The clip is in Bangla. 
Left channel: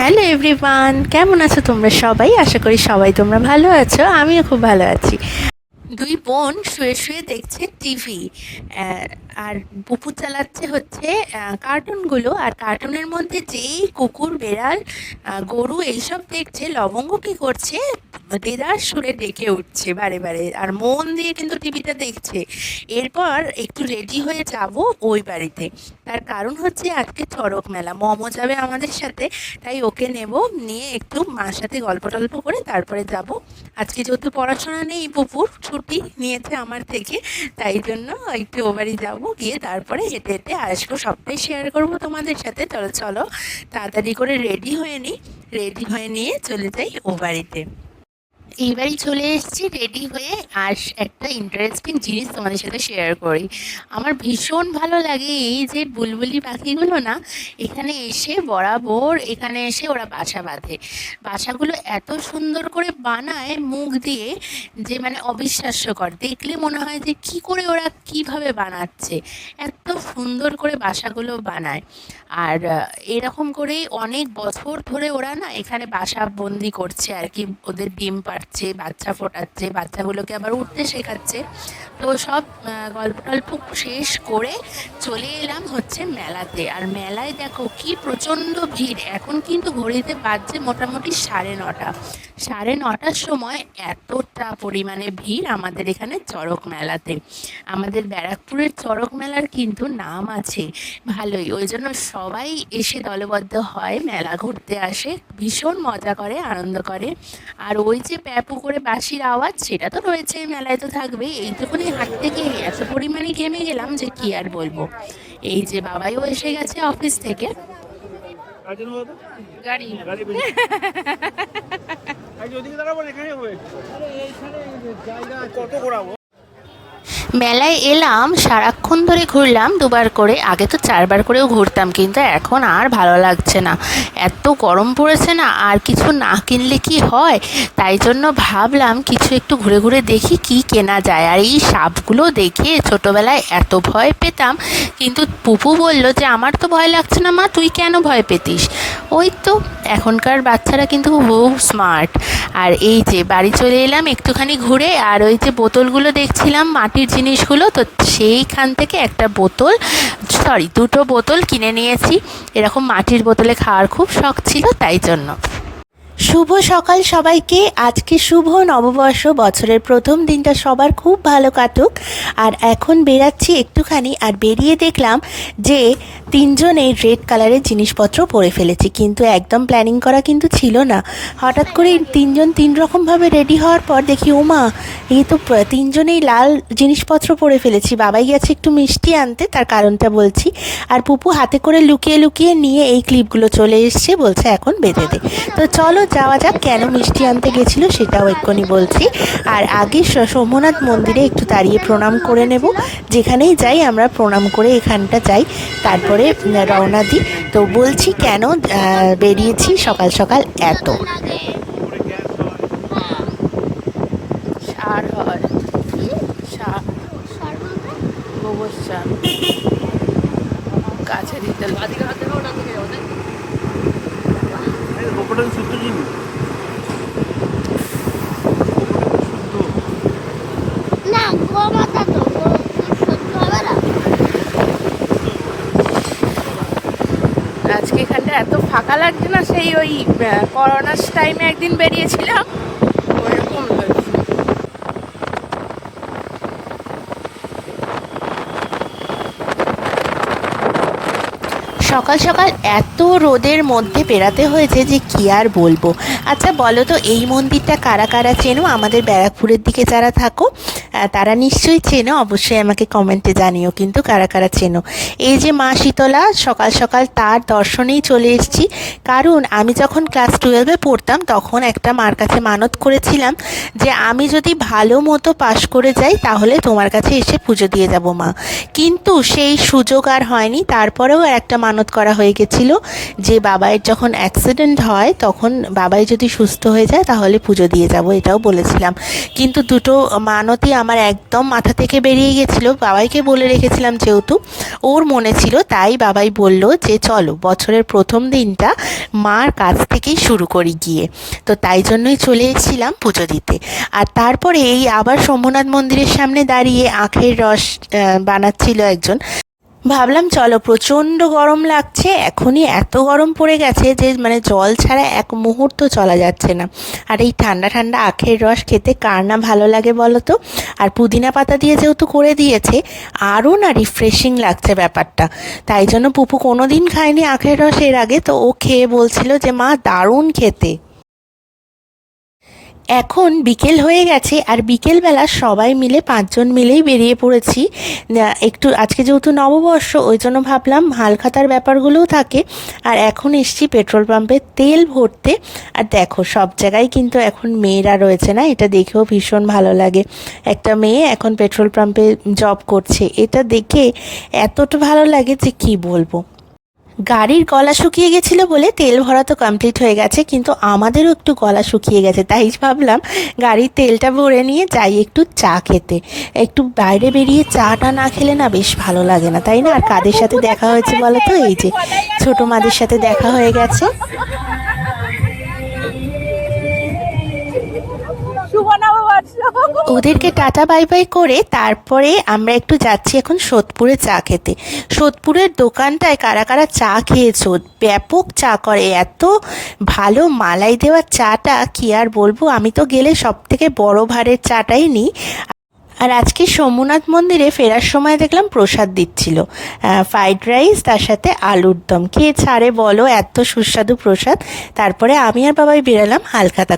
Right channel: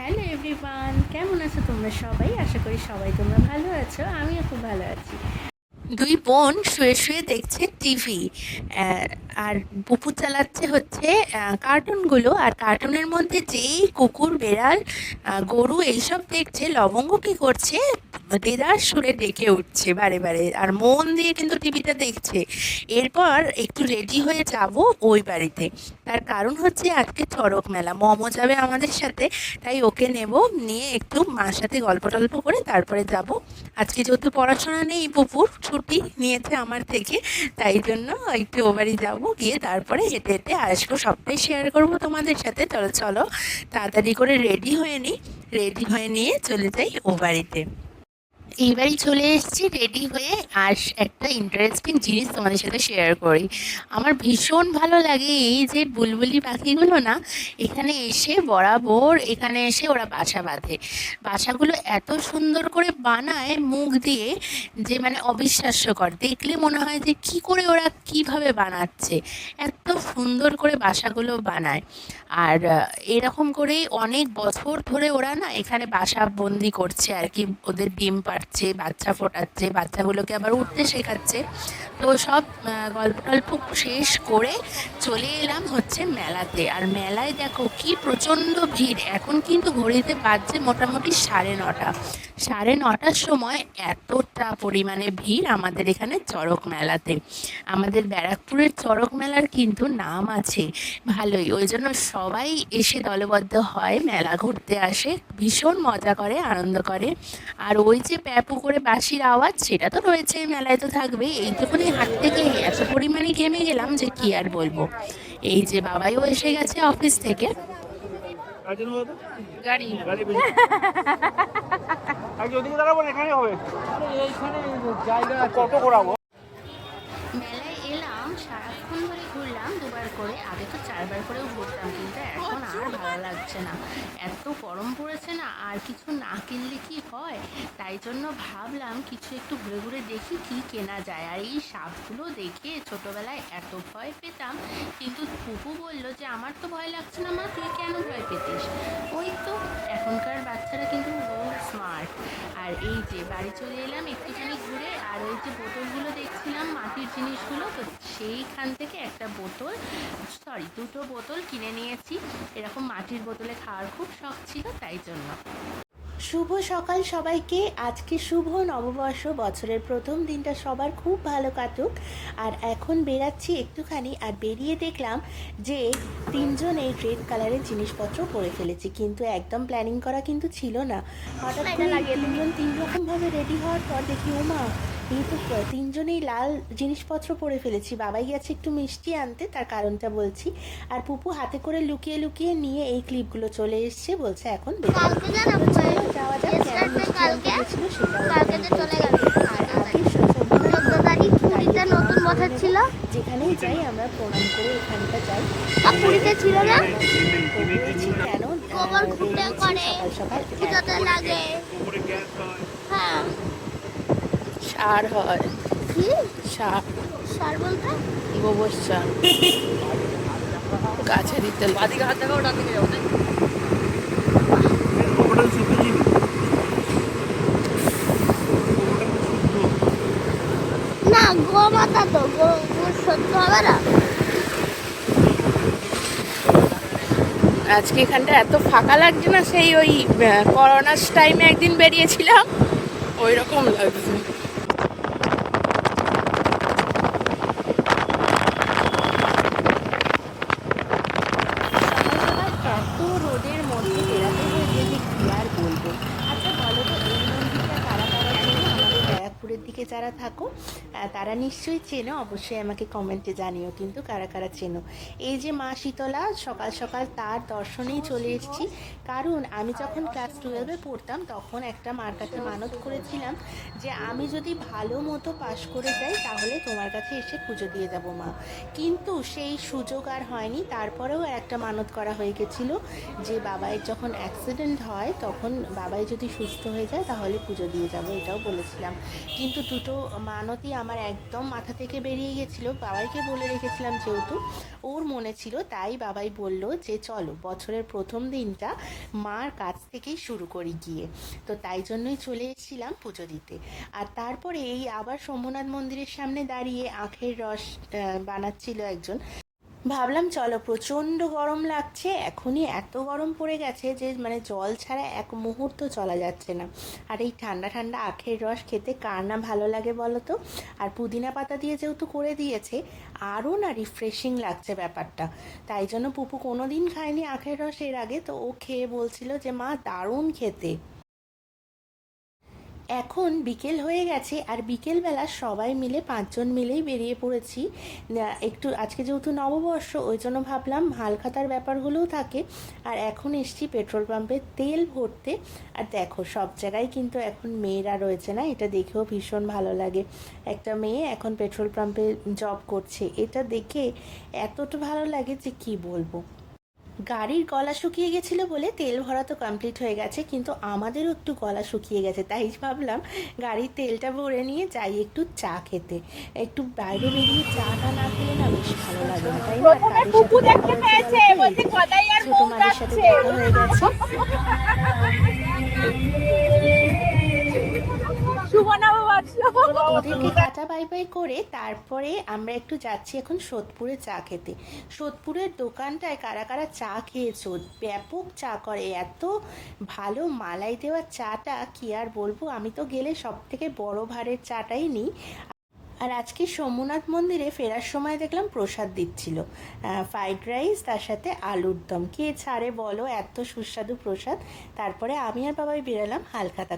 হ্যালো এভরিওয়ান, কেমন আছো তোমরা সবাই? আশা করি সবাই তোমরা ভালো আছো। আমিও খুব ভালো আছি। দুই বোন শুয়ে শুয়ে দেখছে টিভি, আর পুপু চালাচ্ছে হচ্ছে কার্টুনগুলো। আর কার্টুনের মধ্যে যেই কুকুর, বেড়াল, গরু এইসব দেখছে, লবঙ্গ কী করছে, দেদার সুরে ডেকে উঠছে বারে বারে, আর মন দিয়ে কিন্তু টিভিটা দেখছে। এরপর একটু রেডি হয়ে যাব ওই বাড়িতে। তার কারণ হচ্ছে আজকে চড়ক মেলা, মমো যাবে আমাদের সাথে, তাই ওকে নেব, নিয়ে একটু মার সাথে গল্প টল্প করে তারপরে যাব। আজকে যেহেতু পড়াশোনা নেই, পুপুর ছুটি নিয়েছে আমার থেকে, তাই জন্য একটু ও বাড়ি যাবো, গিয়ে তারপরে হেঁটে হেঁটে আসবো, সবটাই শেয়ার করবো তোমাদের সাথে। চলো চলো তাড়াতাড়ি করে রেডি হয়ে নিই, রেডি হয়ে নিয়ে চলে যাই ও বাড়িতে। এইবারই চলে এসেছি রেডি হয়ে। আর একটা ইন্টারেস্টিং জিনিস তোমাদের সাথে শেয়ার করি। আমার ভীষণ ভালো লাগে এই যে বুলবুলি পাখিগুলো না, এখানে এসে বরাবর এখানে এসে ওরা বাসা বাঁধে। বাসাগুলো এত সুন্দর করে বানায় মুখ দিয়ে, যে মানে অবিশ্বাস্যকর। দেখলে মনে হয় যে কি করে ওরা কিভাবে বানাচ্ছে, এত সুন্দর করে বাসাগুলো বানায়। আর এরকম করেই অনেক বছর ধরে ওরা না এখানে বাসা বন্দি করছে আর কি। ওদের ডিম পাড়ছে, বাচ্চা ফোটাচ্ছে, বাচ্চাগুলোকে আবার উঠতে শেখাচ্ছে। তো সব গল্প টল্প শেষ করে চলে এলাম হচ্ছে মেলাতে। আর মেলায় দেখো কি প্রচণ্ড ভিড়। এখন কিন্তু ঘড়িতে বাজছে মোটামুটি 9:30। 9:30টার সময় এতটা পরিমাণে ভিড় আমাদের এখানে চড়ক মেলাতে। আমাদের ব্যারাকপুরের চড়ক মেলার কিন্তু নাম আছে ভালোই, ওই জন্য সবাই এসে দলবদ্ধ হয়, মেলা ঘুরতে আসে, ভীষণ মজা করে, আনন্দ করে। আর ওই যে প্যাপু করে বাঁশির আওয়াজ, সেটা তো রয়েছে, মেলায় তো থাকবেই। এইটুকুনি হাঁটতে গিয়ে এত পরিমাণে ঘেমে গেলাম যে কি আর বলবো। এই যে বাবাইও এসে গেছে অফিস থেকে। গাড়ি কত ঘোরাবো। মেলায় এলাম, সারাক্ষণ ধরে ঘুরলাম দুবার করে। আগে তো 4বার করেও ঘুরতাম, কিন্তু এখন আর ভালো লাগছে না, এত গরম পড়েছে না। আর কিছু না কিনলে কি হয়, তাই জন্য ভাবলাম কিছু একটু ঘুরে ঘুরে দেখি কি কেনা যায়। আর এই সাপগুলো দেখে ছোটোবেলায় এত ভয় পেতাম, কিন্তু পুপু বলল যে আমার তো ভয় লাগছে না মা, তুই কেন ভয় পেতিস। ওই তো এখনকার বাচ্চারা কিন্তু বহু স্মার্ট। আর এই যে বাড়ি চলে এলাম একটুখানি ঘুরে, আর ওই যে বোতলগুলো দেখছিলাম মাটির জিনিসগুলো, তো সেইখান থেকে একটা বোতল, দুটো বোতল কিনে নিয়েছি। এরকম মাটির বোতলে খাওয়ার খুব শখ ছিল, তাই জন্য। শুভ সকাল সবাইকে। আজকে শুভ নববর্ষ, বছরের প্রথম দিনটা সবার খুব ভালো কাটুক। আর এখন বেরাচ্ছি একটুখানি, আর বেরিয়ে দেখলাম যে তিনজনের রেড কালারের জিনিসপত্র পরে ফেলেছি, কিন্তু একদম প্ল্যানিং করা কিন্তু ছিল না। হঠাৎ করে তিনজন তিন রকমভাবে রেডি হওয়ার পর দেখি ওমা, এই তো তিনজনেই লাল জিনিসপত্র পরে ফেলেছি। বাবাই গেছে একটু মিষ্টি আনতে, তার কারণটা বলছি। আর পুপু হাতে করে লুকিয়ে লুকিয়ে নিয়ে এই ক্লিপগুলো চলে এসছে, বলছে এখন বেঁধে দে। তো চলো যাওয়া যাক, কেন মিষ্টি আনতে গেছিলো সেটাও এক্ষুনি বলছি। আর আগে সোমনাথ মন্দিরে একটু দাঁড়িয়ে প্রণাম করে নেব, যেখানেই যাই আমরা প্রণাম করে এখানটা যাই, তারপরে রওনা দিই। তো বলছি কেন বেরিয়েছি সকাল সকাল এত। সার হয়, সার, গোবর সার, গাছে দিতে না, গোমাতা তো সহ্য হবে না। আজকে এখানটা এত ফাঁকা লাগছে না, সেই ওই করোনার টাইমে একদিন বেরিয়েছিলাম ওই রকম লাগছে। সকাল সকাল এত রোদের মধ্যে বেরাতে হয়েছে যে কি আর বলবো। আচ্ছা বলো তো, এই মন্দিরটা কারা কারা চেনো? আমাদের ব্যারাকপুরের দিকে যারা থাকো তারা নিশ্চয়ই চেনো, অবশ্যই আমাকে কমেন্টে জানিও কিন্তু কারা কারা চেনো। এই যে মা শীতলা, সকাল সকাল তার দর্শনেই চলে এসেছি। কারণ আমি যখন ক্লাস 12-এ পড়তাম তখন একটা মার কাছে মানত করেছিলাম যে আমি যদি ভালো মতো পাশ করে যাই তাহলে তোমার কাছে এসে পুজো দিয়ে যাব মা। কিন্তু সেই সুযোগ আর হয়নি। তারপরেও একটা মানত করা হয়ে গেছিলো যে বাবাইয়ের যখন অ্যাক্সিডেন্ট হয় তখন বাবাই যদি সুস্থ হয়ে যায় তাহলে পুজো দিয়ে যাব, এটাও বলেছিলাম। কিন্তু দুটো মানতই আমার একদম মাথা থেকে বেরিয়ে গেছিলো। বাবাইকে বলে রেখেছিলাম যেহেতু ওর মনে ছিল, তাই বাবাই বলল যে চলো বছরের প্রথম দিনটা মার কাছ থেকেই শুরু করি গিয়ে। তো তাই জন্যই চলে এসেছিলাম পুজো দিতে। আর তারপরে এই আবার শম্ভুনাথ মন্দিরের সামনে দাঁড়িয়ে আখের রস বানাচ্ছিল একজন। ভাবলাম চলো, প্রচণ্ড গরম লাগছে, এখনই এত গরম পড়ে গেছে যে মানে জল ছাড়া এক মুহূর্ত চলা যাচ্ছে না। আর এই ঠান্ডা ঠান্ডা আখের রস খেতে কার না ভালো লাগে বলো তো। আর পুদিনা পাতা দিয়ে যেহেতু করে দিয়েছে, আরও না রিফ্রেশিং লাগছে ব্যাপারটা। তাই জন্য পুপু কোনো দিন খায়নি আখের রস এর আগে, তো ও খেয়ে বলছিল যে মা দারুণ খেতে। এখন বিকেল হয়ে গেছে আর বিকেলবেলা সবাই মিলে 5 জন মিলেই বেরিয়ে পড়েছি। একটু আজকে যেহেতু নববর্ষ ওই জন্য ভাবলাম হালখাতার ব্যাপারগুলোও থাকে। আর এখন এসছি পেট্রোল পাম্পে তেল ভরতে। আর দেখো সব জায়গায় কিন্তু এখন মেয়েরা রয়েছে না, এটা দেখেও ভীষণ ভালো লাগে। একটা মেয়ে এখন পেট্রোল পাম্পে জব করছে, এটা দেখে এতটা ভালো লাগে যে কি বলবো। গাড়ির গলা শুকিয়ে গেছিলো বলে তেল ভরা তো কমপ্লিট হয়ে গেছে, কিন্তু আমাদেরও একটু গলা শুকিয়ে গেছে, তাই ভাবলাম গাড়ির তেলটা ভরে নিয়ে যাই একটু চা খেতে। একটু বাইরে বেরিয়ে চাটা না খেলে না বেশ ভালো লাগে না, তাই না? আর কাদের সাথে দেখা হয়েছে বলো তো, এই যে ছোটো মাদের সাথে দেখা হয়ে গেছে। ওদেরকে টাটা বাই বাই করে তারপরে আমরা একটু যাচ্ছি এখন সোদপুরে চা খেতে। সোদপুরের দোকানটায় কারা কারা চা খেয়েছো, ব্যাপক চা করে, এত ভালো মালাই দেওয়ার চাটা কি আর বলবো। আমি তো গেলে সব থেকে বড় ভারের চাটাই নিই। আর আজকে সোমনাথ মন্দিরে ফেরার সময় দেখলাম প্রসাদ দিচ্ছিল, ফ্রাইড রাইস তার সাথে আলুর দম। কে ছাড়ে বলো, এত সুস্বাদু প্রসাদ। তারপরে আমি আর বাবাই বেরালাম হালখাতা।